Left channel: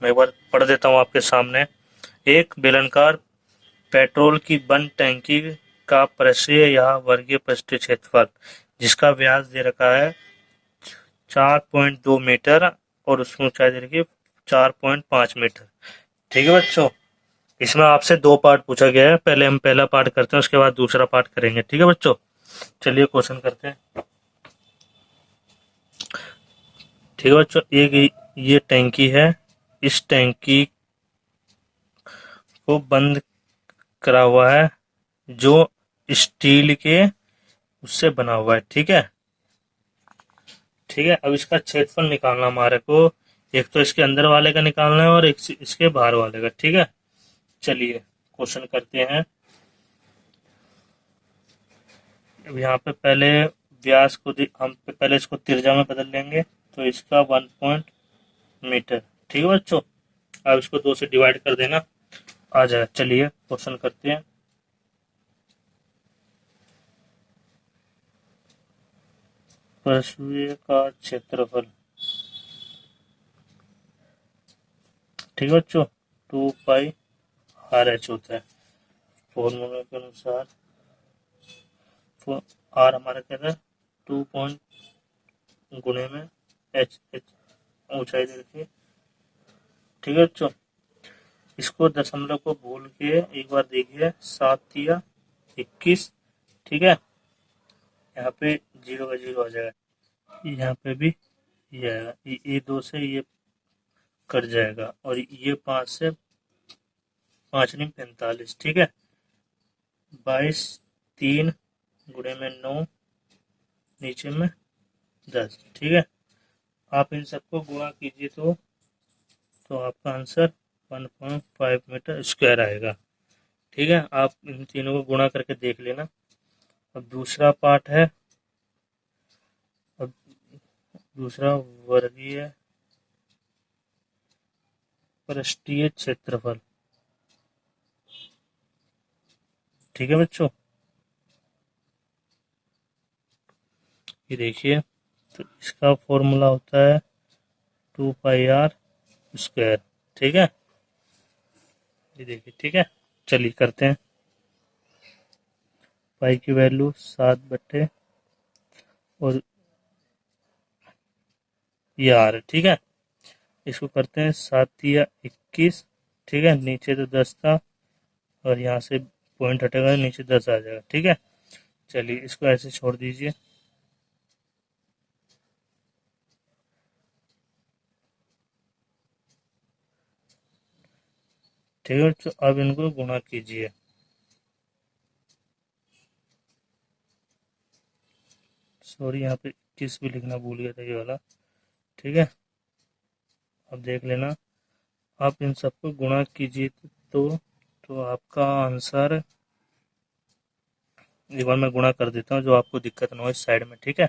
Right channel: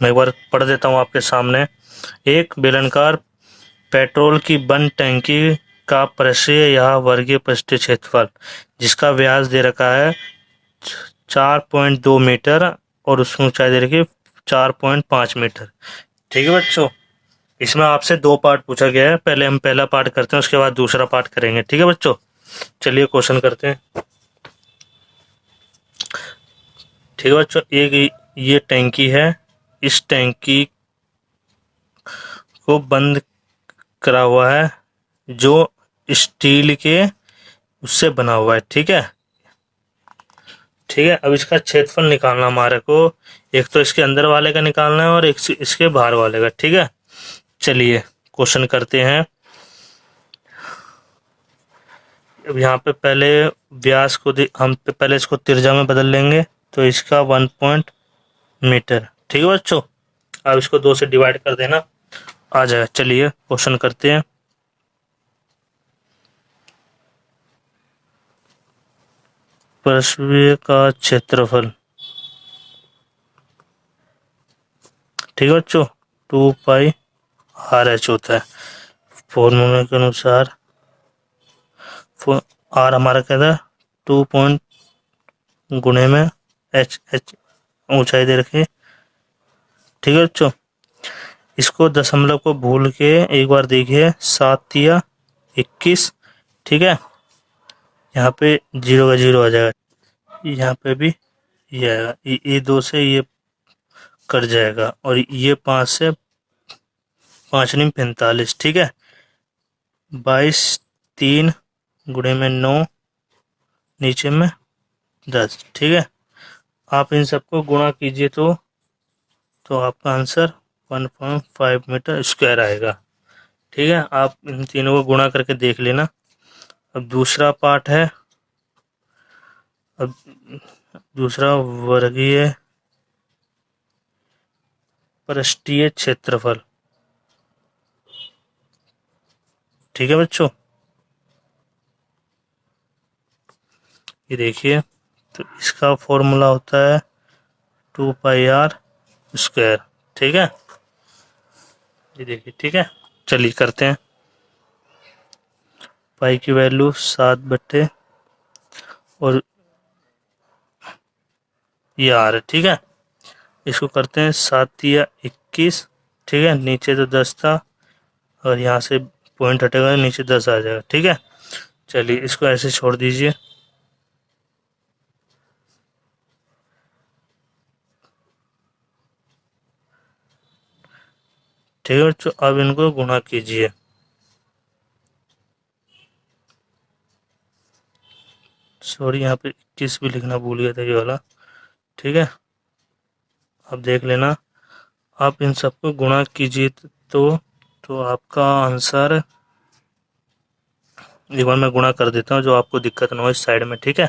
मैं एक बार पढ़ देता हूँ आपके सामने। एक बेलनाकार पेट्रोल की बंद टैंकी का परिसीय या वर्गीय पृष्ठीय क्षेत्रफल, जिसका व्यास दे रखा है 4.2 मीटर और उसकी ऊंचाई दे रखी है 4.5 मीटर। ठीक है बच्चों, इसमें आपसे दो पार्ट पूछा गया है। पहले हम पहला पार्ट करते हैं, उसके बाद दूसरा पार्ट करेंगे। ठीक है बच्चों, चलिए क्वेश्चन करते हैं। ठीक है बच्चों, ये टैंकी है। इस टैंकी को बंद करा हुआ है जो स्टील के उससे बना हुआ है। ठीक है, ठीक है। अब इसका क्षेत्रफल निकालना हमारे को, एक तो इसके अंदर वाले का निकालना है और एक इसके बाहर वाले का। ठीक है, चलिए क्वेश्चन करते हैं। अब यहाँ पे पहले व्यास को हम पहले इसको त्रिज्या में बदल लेंगे, तो इसका 1 मीटर। ठीक है बच्चों, अब इसको 2 से डिवाइड कर देना, आ जाएगा। चलिए क्वेश्चन करते हैं। पृष्ठीय का क्षेत्रफल, ठीक है बच्चों, 2πr/h होता है। फॉर्मूले के अनुसार आर हमारा क्या था, 2 गुणे में एच, ऊंचाई दे रखी। ठीक है बच्चों, इसको दशमलव को भूल के एक बार देखिए, 7 या 21। ठीक है, यहाँ पे 0 का 0 आ जाएगा, यहाँ पे भी ये आएगा, ये 2 से ये कट जाएगा और ये 5 से 5×9 = 45। ठीक है, 22, 3 गुणे में 9, नीचे में 10। ठीक है, आप इन सबको गुणा कीजिए तो आपका आंसर 1.5 मीटर स्क्वायर आएगा। ठीक है, आप इन तीनों को गुणा करके देख लेना। अब दूसरा पार्ट है, अब दूसरा वर्गीय पृष्ठीय क्षेत्रफल। ठीक है बच्चों, ये देखिए, तो इसका फॉर्मूला होता है 2πr²। ठीक है, ये देखिए। ठीक है, चलिए करते हैं। पाई की वैल्यू 7 और ये आर है। ठीक है, इसको करते हैं 7 या 21। ठीक है, नीचे तो 10 था और यहाँ से पॉइंट हटेगा, नीचे 10 आ जाएगा। ठीक है, चलिए इसको ऐसे छोड़ दीजिए। ठीक है बच्चों, अब इनको गुणा कीजिए। सॉरी, यहाँ पे 21 भी लिखना भूल गया था, ये वाला। ठीक है, अब देख लेना, आप इन सबको गुणा कीजिए तो आपका आंसर, एक बार मैं गुणा कर देता हूँ जो आपको दिक्कत ना हो इस साइड में। ठीक है,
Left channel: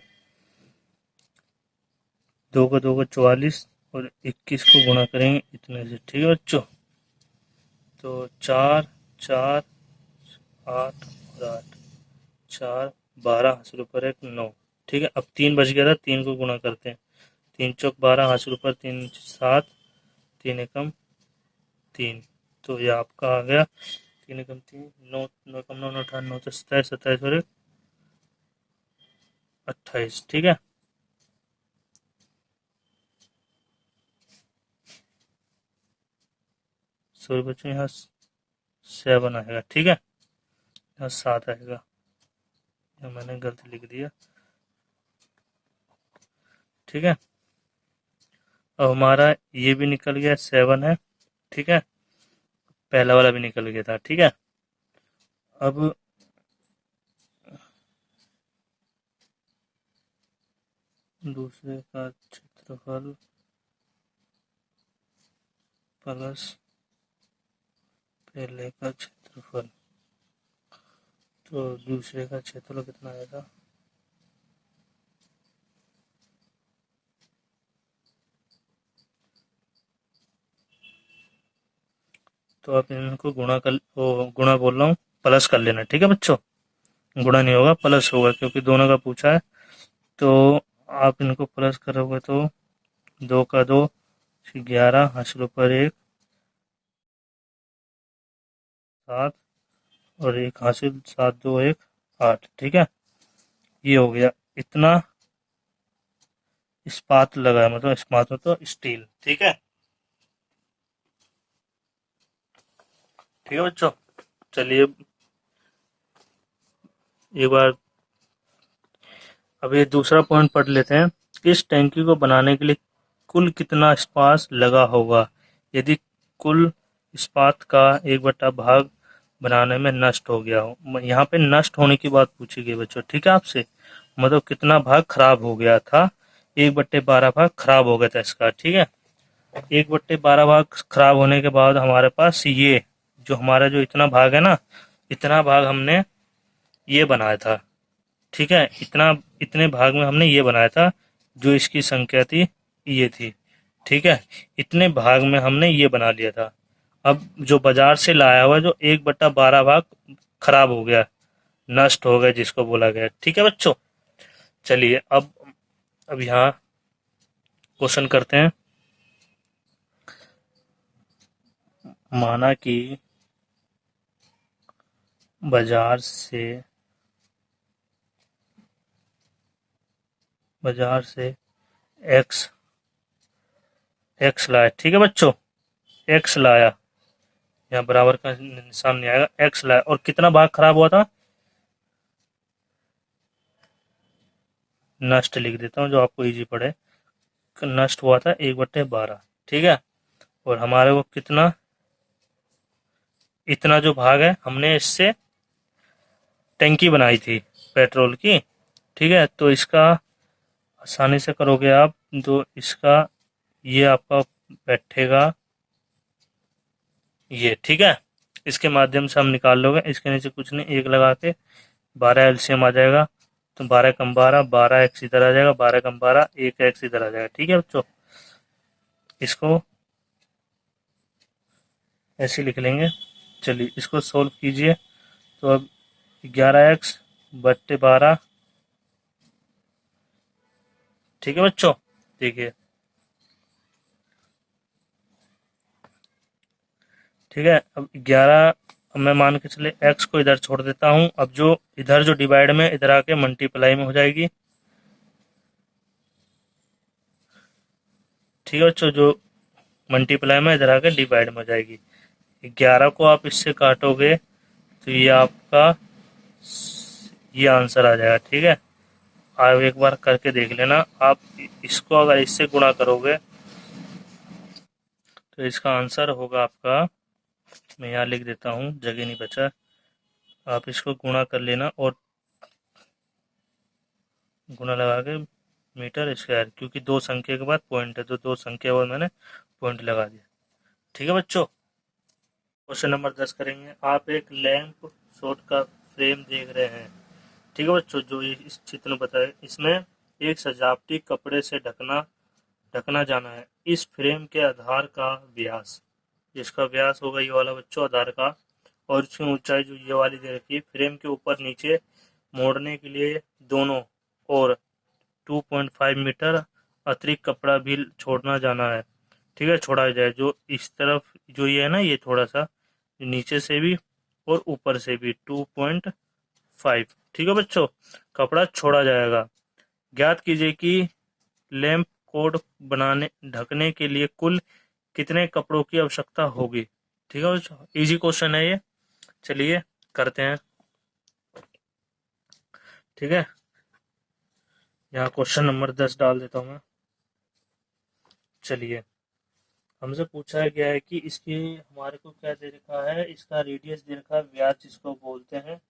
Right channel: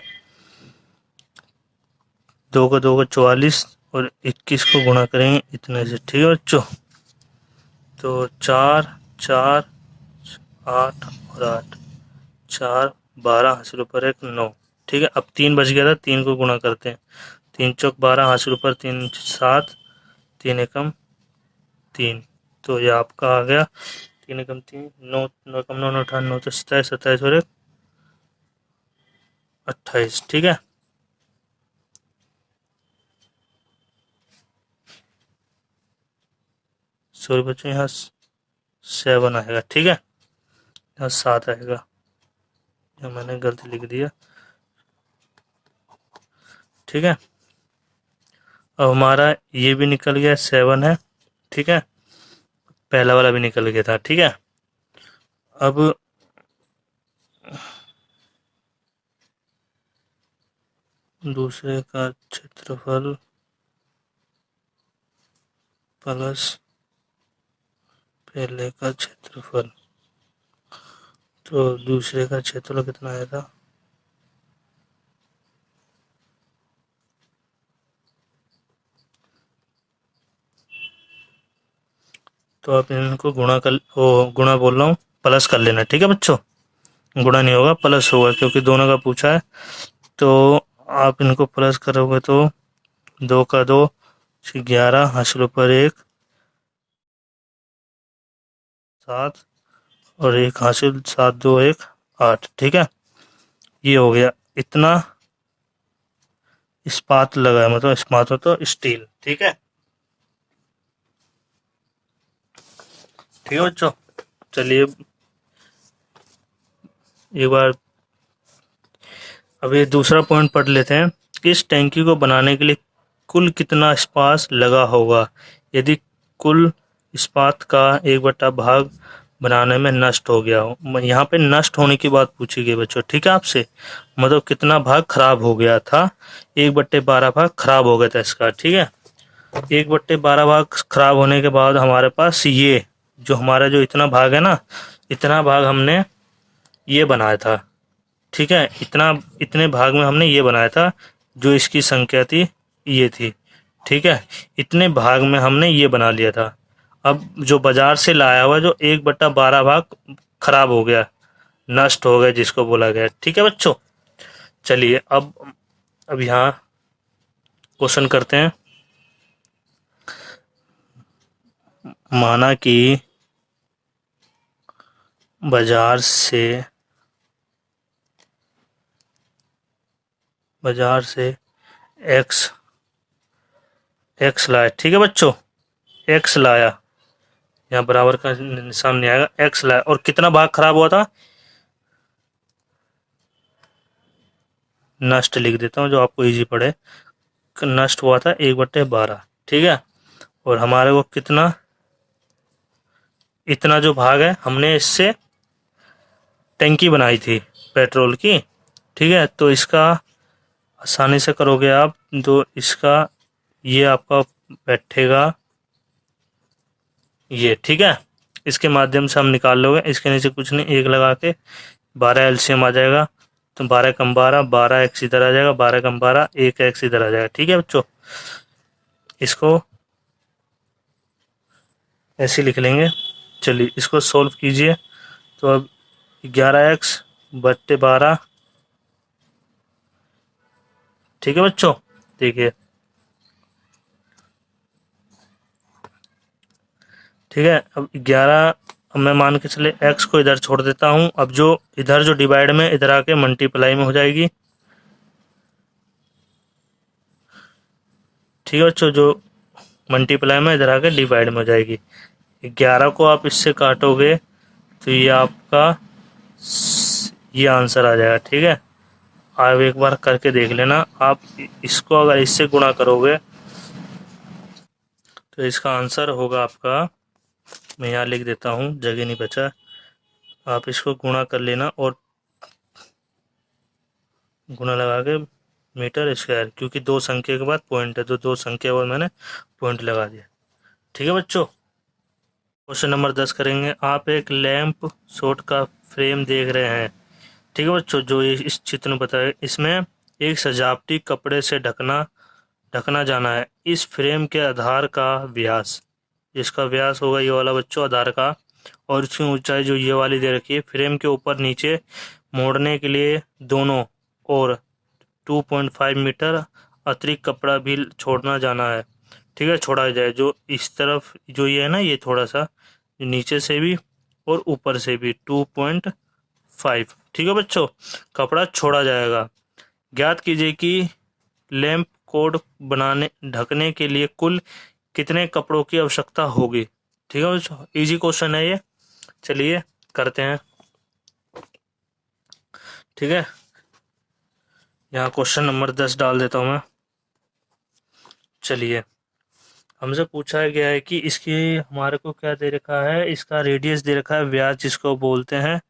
2 को 2 को 44 और 21 को गुणा करेंगे इतने से। ठीक है बच्चों, तो 4, 4, 8 और 8, 4, 12 हासिल ऊपर 1, 9। ठीक है, अब 3 बच गया था, 3 को गुणा करते हैं। 3 चौक 12 हासिल ऊपर 3 7, 3 एकम 3, तो ये आपका आ गया 3 एकम 3, 9, 9 एकम 9, 18, 9 तो 27, 27 और 1 28। ठीक है, सॉरी बच्चों, यहाँ 7 आएगा। ठीक है, यहाँ 7 आएगा, यहाँ मैंने गलती लिख दिया। ठीक है, अब हमारा ये भी निकल गया, 7 है। ठीक है, पहला वाला भी निकल गया था। ठीक है, अब दूसरे का क्षेत्रफल प्लस पहले का क्षेत्रफल, तो दूसरे का क्षेत्रफल कितना आएगा, तो आप इनको गुणा बोल रहा हूँ, प्लस कर लेना। ठीक है बच्चों, गुणा नहीं होगा, प्लस होगा, क्योंकि दोनों का पूछा है। तो आप इनको प्लस करोगे तो 2 का 2, 11 हासिल पर 1 7 और 1 हासिल 7 2 1 8। ठीक है, ये हो गया। इतना इस्पात लगा है, मतलब इस्पात हो तो स्टील। ठीक है, ठीक है बच्चों। चलिए एक बार अब ये दूसरा पॉइंट पढ़ लेते हैं। इस टैंकी को बनाने के लिए कुल कितना इस्पात लगा होगा यदि कुल इस्पात का 1/भाग बनाने में नष्ट हो गया हो। यहाँ पे नष्ट होने की बात पूछी गई बच्चों। ठीक है, आपसे मतलब कितना भाग खराब हो गया था। 1/12 भाग खराब हो गया था इसका। ठीक है, 1/12 भाग खराब होने के बाद हमारे पास ये जो हमारा जो इतना भाग है ना, इतना भाग हमने ये बनाया था। ठीक है, इतने भाग में हमने ये बनाया था। जो इसकी संख्या थी ये थी। ठीक है, इतने भाग में हमने ये बना लिया था। अब जो बाजार से लाया हुआ जो 1/12 भाग खराब हो गया, नष्ट हो गया जिसको बोला गया। ठीक है बच्चों, चलिए अब यहाँ क्वेश्चन करते हैं। माना कि बाजार से एक्स लाया। ठीक है बच्चों, एक्स लाया, यहाँ बराबर का निशान नहीं आएगा। एक्स लाया और कितना भाग खराब हुआ था, नष्ट लिख देता हूँ जो आपको इजी पड़े। नष्ट हुआ था 1/12। ठीक है, और हमारे को कितना, इतना जो भाग है हमने इससे टंकी बनाई थी पेट्रोल की। ठीक है, तो इसका आसानी से करोगे आप तो इसका ये आपका बैठेगा ये। ठीक है, इसके माध्यम से हम निकाल लोगे। इसके नीचे कुछ नहीं, 1 लगा के 12 एलसीएम आ जाएगा। तो 12 कम 12, 12 एक्स इधर आ जाएगा, 12 कम 12, 1 एक्स इधर आ जाएगा। ठीक है बच्चों, इसको ऐसे लिख लेंगे। चलिए इसको सोल्व कीजिए। तो अब 11x/12। ठीक है बच्चों, देखिए। ठीक है, अब 11, अब मैं मान के चले x को इधर छोड़ देता हूँ। अब जो इधर जो डिवाइड में इधर आके मल्टीप्लाई में हो जाएगी। ठीक है बच्चों, जो मल्टीप्लाई में इधर आके डिवाइड में हो जाएगी। 11 को आप इससे काटोगे तो ये आपका ये आंसर आ जाएगा। ठीक है, आप एक बार करके देख लेना। आप इसको अगर इससे गुणा करोगे तो इसका आंसर होगा आपका, मैं यहाँ लिख देता हूँ, जगह नहीं बचा। आप इसको गुणा कर लेना और गुणा लगा के मीटर स्क्वायर, क्योंकि 2 संख्या के बाद पॉइंट है तो 2 संख्या और मैंने पॉइंट लगा दिया। ठीक है बच्चों, क्वेश्चन नंबर 10 करेंगे। आप एक लैंप शॉट का फ्रेम देख रहे हैं। ठीक है बच्चों, जो इस चित्र में बताया, इसमें एक सजावटी कपड़े से ढकना जाना है। इस फ्रेम के आधार का व्यास, जिसका व्यास होगा ये वाला बच्चों आधार का, और इसकी ऊंचाई जो ये वाली दे रखी है। फ्रेम के ऊपर नीचे मोड़ने के लिए दोनों और 2.5 मीटर अतिरिक्त कपड़ा भी छोड़ना जाना है। ठीक है, छोड़ा जाए जो इस तरफ जो ये है ना, ये थोड़ा सा नीचे से भी और ऊपर से भी 2.5। ठीक है बच्चों, कपड़ा छोड़ा जाएगा। ज्ञात कीजिए कि लैंप कोड बनाने ढकने के लिए कुल कितने कपड़ों की आवश्यकता होगी। ठीक है बच्चों, इजी क्वेश्चन है ये। चलिए करते हैं। ठीक है, यहाँ क्वेश्चन नंबर 10 डाल देता हूँ मैं। चलिए, हमसे पूछा गया है कि इसकी हमारे को क्या दे रखा है, इसका रेडियस दे रखा है, व्यास जिसको बोलते हैं,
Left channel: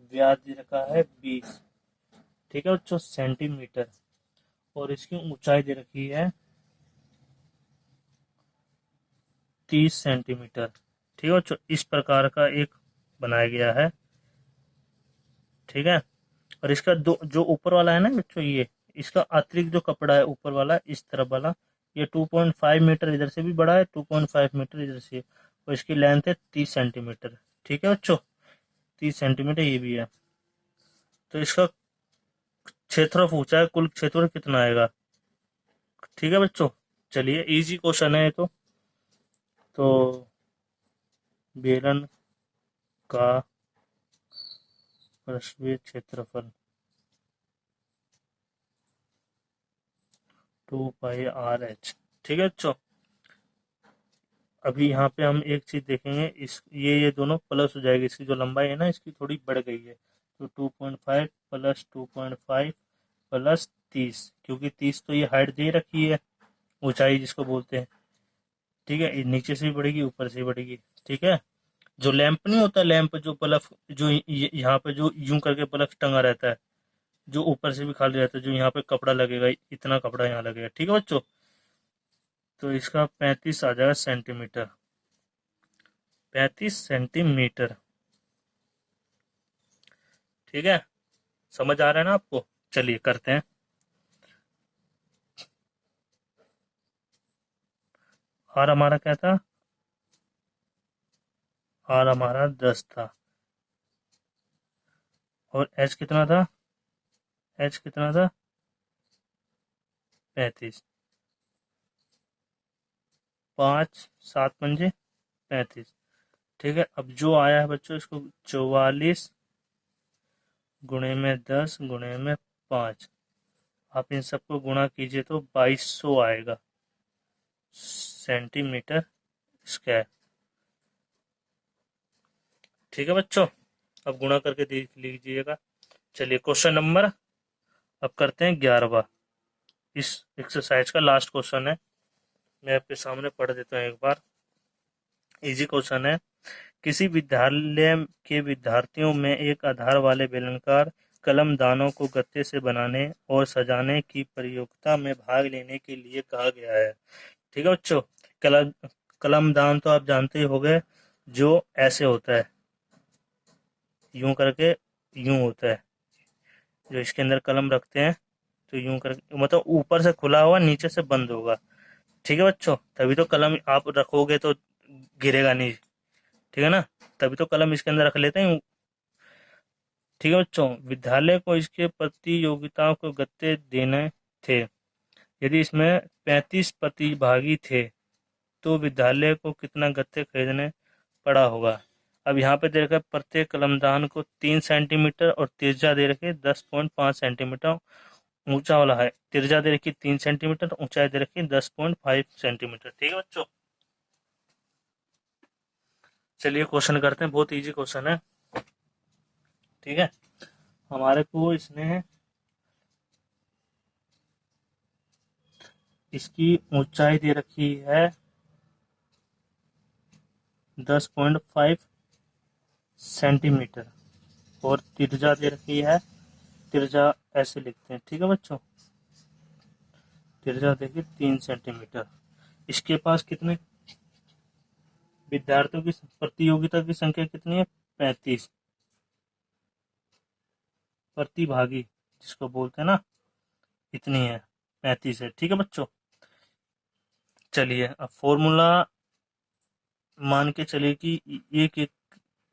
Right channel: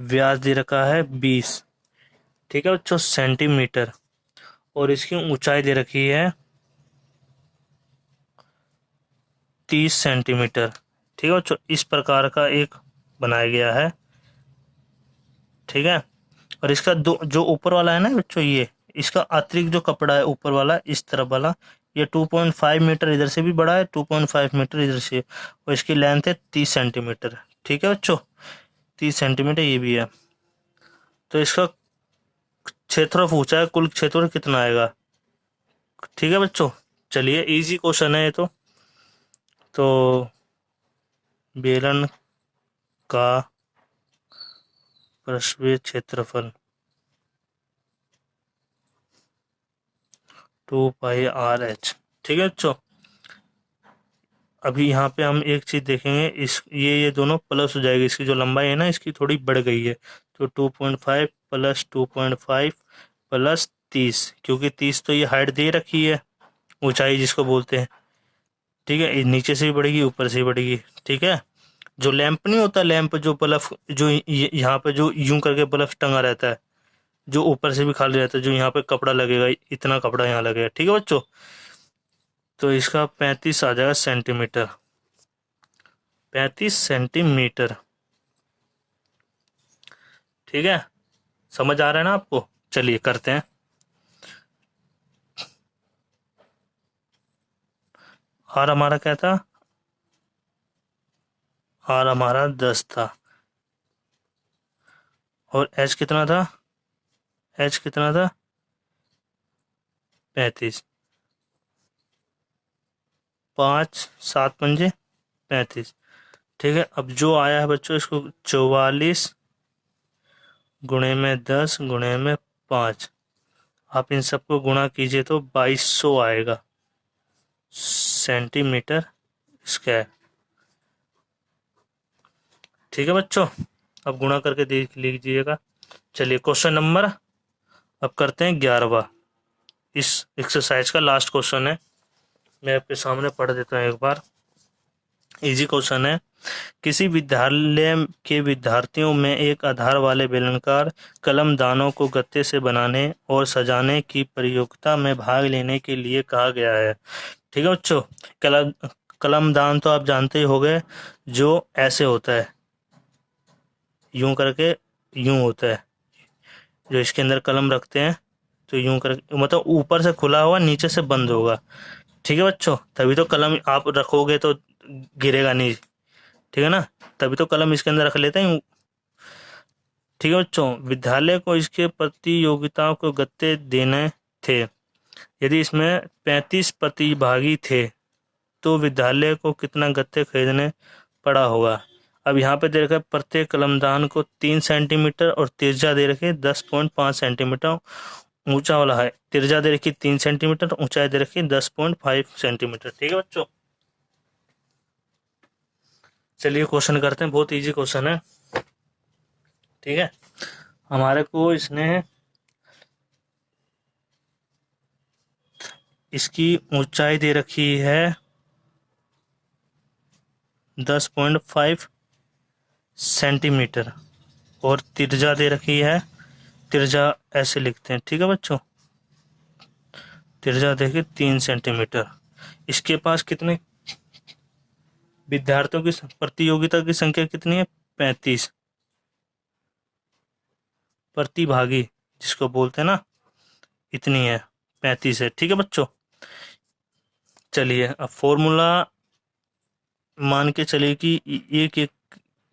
व्यास दे रखा है 20। ठीक है बच्चों, सेंटीमीटर। और इसकी ऊंचाई दे रखी है 30 सेंटीमीटर। ठीक है बच्चों, इस प्रकार का एक बनाया गया है। ठीक है, और इसका दो जो ऊपर वाला है ना बच्चों, ये इसका अतिरिक्त जो कपड़ा है ऊपर वाला इस तरफ वाला, ये 2.5 मीटर इधर से भी बड़ा है, 2.5 मीटर इधर से, और इसकी लेंथ है 30 सेंटीमीटर। ठीक है बच्चों, 30 सेंटीमीटर ये भी है। तो इसका क्षेत्रफल पूछा है, कुल क्षेत्रफल कितना आएगा। ठीक है बच्चों, चलिए इजी क्वेश्चन है ये तो बेलन का पृष्ठीय क्षेत्रफल 2πr/h। ठीक है बच्चों, अभी यहाँ पे हम एक चीज देखेंगे, इस ये दोनों प्लस हो जाएगी, इसकी जो लंबाई है ना इसकी थोड़ी बढ़ गई है, तो 2.5 प्लस 2.5 प्लस 30, क्योंकि 30 तो ये हाइट दे रखी है, ऊंचाई जिसको बोलते हैं। ठीक है, ये नीचे से भी बढ़ेगी ऊपर से भी बढ़ेगी। ठीक है, जो लैंप नहीं होता, लैंप जो बल्ब जो यहाँ पे जो यूं करके बल्ब टंगा रहता है, जो ऊपर से भी खाली रहता है, जो यहाँ पे कपड़ा लगेगा, इतना कपड़ा यहाँ लगेगा। ठीक है बच्चों, तो इसका 35 आ जाएगा सेंटीमीटर, 35 सेंटीमीटर। ठीक है, समझ आ रहा है ना आपको? चलिए करते हैं। आर हमारा क्या था? आर हमारा 10 था, और एच कितना था? एच कितना था? 35। 5 7 पंजे 35। ठीक है, अब जो आया है बच्चों, इसको 44 गुणे में 10 गुणे में 5, आप इन सबको गुणा कीजिए तो 2200 आएगा सेंटीमीटर स्क्वायर। ठीक है बच्चों, अब गुणा करके देख लीजिएगा। चलिए क्वेश्चन नंबर अब करते हैं 11वां, इस एक्सरसाइज का लास्ट क्वेश्चन है, मैं आपके सामने पढ़ देता हूँ एक बार। इजी क्वेश्चन है, किसी विद्यालय के विद्यार्थियों में एक आधार वाले बेलनाकार कलम दानों को गत्ते से बनाने और सजाने की प्रतियोगिता में भाग लेने के लिए कहा गया है। ठीक है बच्चों, कलम कलम दान तो आप जानते ही होंगे, जो ऐसे होता है, यूं करके, यूं होता है, जो इसके अंदर कलम रखते हैं, तो यूं करके, मतलब ऊपर से खुला होगा नीचे से बंद होगा। ठीक है बच्चों, तभी तो कलम आप रखोगे तो गिरेगा नहीं। ठीक है ना, तभी तो कलम इसके अंदर रख लेते हैं। ठीक है बच्चों, विद्यालय को इसके प्रतियोगिताओं को गत्ते देने थे। यदि इसमें 35 प्रतिभागी थे तो विद्यालय को कितना गत्ते खरीदने पड़ा होगा। अब यहाँ पे दे रखा है प्रत्येक कलमदान को 3 सेंटीमीटर और तिर्जा दे रखे 10.5 सेंटीमीटर ऊंचा वाला है। तिर्जा दे रखी 3 सेंटीमीटर, ऊंचाई दे रखी 10.5 सेंटीमीटर। ठीक है बच्चों, चलिए क्वेश्चन करते हैं, बहुत इजी क्वेश्चन है। ठीक है, हमारे को इसने इसकी ऊंचाई दे रखी है 10.5 सेंटीमीटर, और तिर्जा दे रखी है, तिर्जा ऐसे लिखते हैं। ठीक है बच्चों, तिर्जा देखिए 3 सेंटीमीटर। इसके पास कितने विद्यार्थियों की प्रतियोगिता की संख्या कितनी है? 35 प्रतिभागी जिसको बोलते हैं ना, इतनी है, 35 है। ठीक है बच्चों, चलिए अब फॉर्मूला मान के चलिए कि एक एक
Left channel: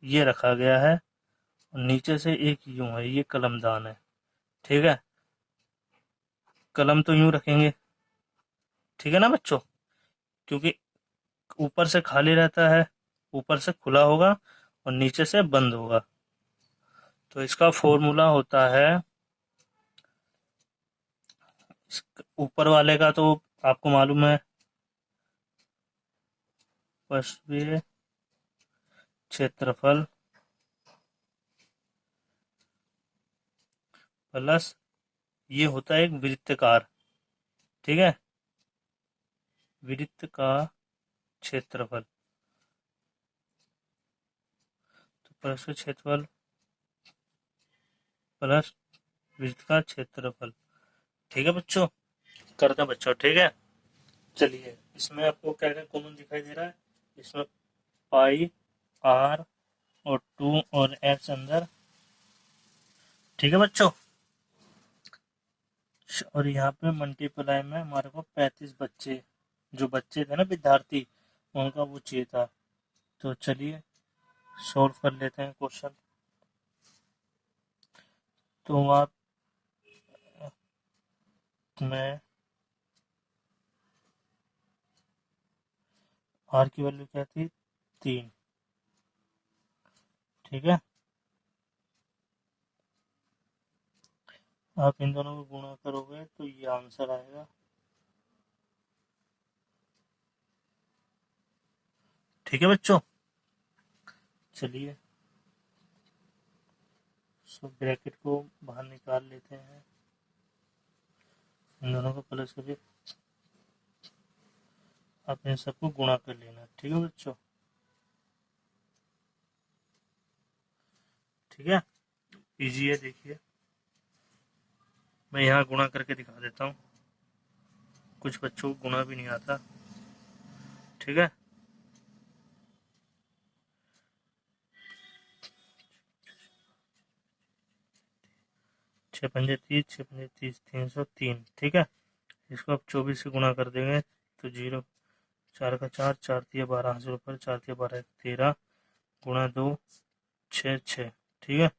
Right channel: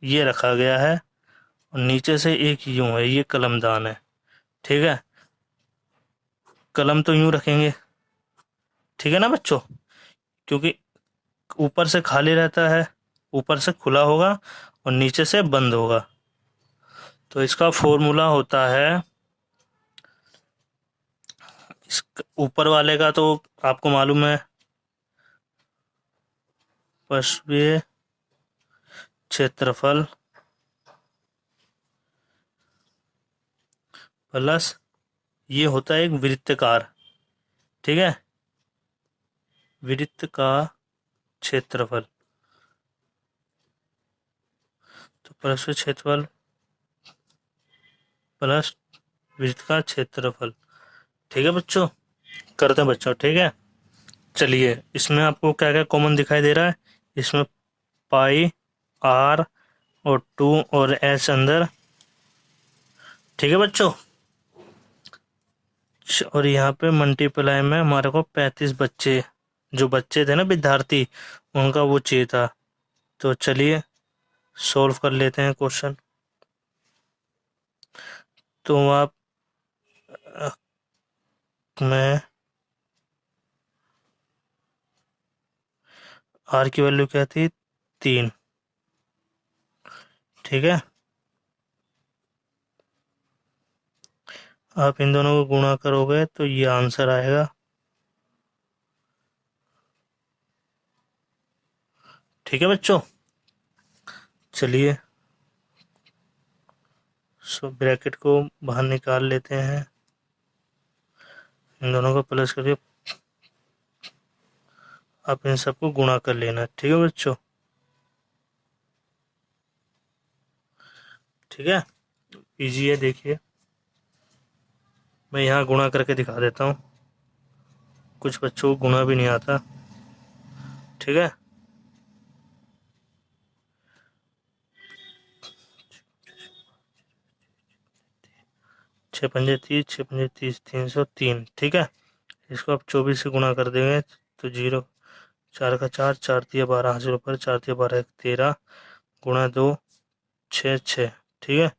ये रखा गया है, और नीचे से एक यूं है, ये कलमदान है। ठीक है, कलम तो यूं रखेंगे, ठीक है ना बच्चों, क्योंकि ऊपर से खाली रहता है, ऊपर से खुला होगा और नीचे से बंद होगा। तो इसका फॉर्मूला होता है, इस ऊपर वाले का तो आपको मालूम है, पृष्ठीय क्षेत्रफल प्लस ये होता है एक वृत्तकार। ठीक है, वृत्त का क्षेत्रफल, तो पृष्ठीय क्षेत्रफल प्लस वृत्त का क्षेत्रफल। ठीक है बच्चों, करते हैं बच्चों। ठीक है, चलिए इसमें आपको क्या क्या कॉमन दिखाई दे रहा है? इसमें पाई, आर और 2 और एच अंदर। ठीक है बच्चों, और यहाँ पे मल्टीप्लाई में हमारे को 35 बच्चे, जो बच्चे थे ना विद्यार्थी, उनका वो चाहिए था। तो चलिए सॉल्व कर लेते हैं क्वेश्चन। तो आप मैं आर की वैल्यू क्या थी 3। ठीक है, आप इन दोनों को गुणा करोगे तो ये आंसर आएगा। ठीक है बच्चों, चलिए सो ब्रैकेट को बाहर निकाल लेते हैं, इन दोनों को प्लस करिए, आप इन सबको गुणा कर लेना। ठीक है बच्चों, ठीक है, इजी है। देखिए मैं यहाँ गुणा करके दिखा देता हूँ, कुछ बच्चों को गुणा भी नहीं आता। ठीक है, 6×5 = 30, 6×5 = 30, 303। ठीक है, इसको आप 24 से गुणा कर देंगे तो 0, 4 का 4, 4×3 = 12, हासिल ऊपर, 4×3 = 12, 13, गुणा 2, 6, 6। ठीक है,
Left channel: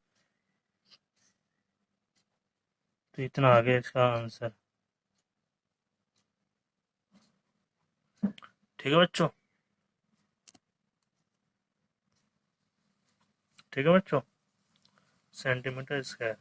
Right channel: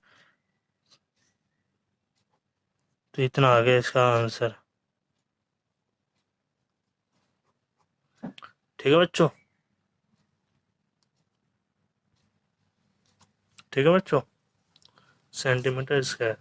तो इतना आ गया इसका आंसर। ठीक है बच्चों, ठीक है बच्चों, सेंटीमीटर स्क्वायर।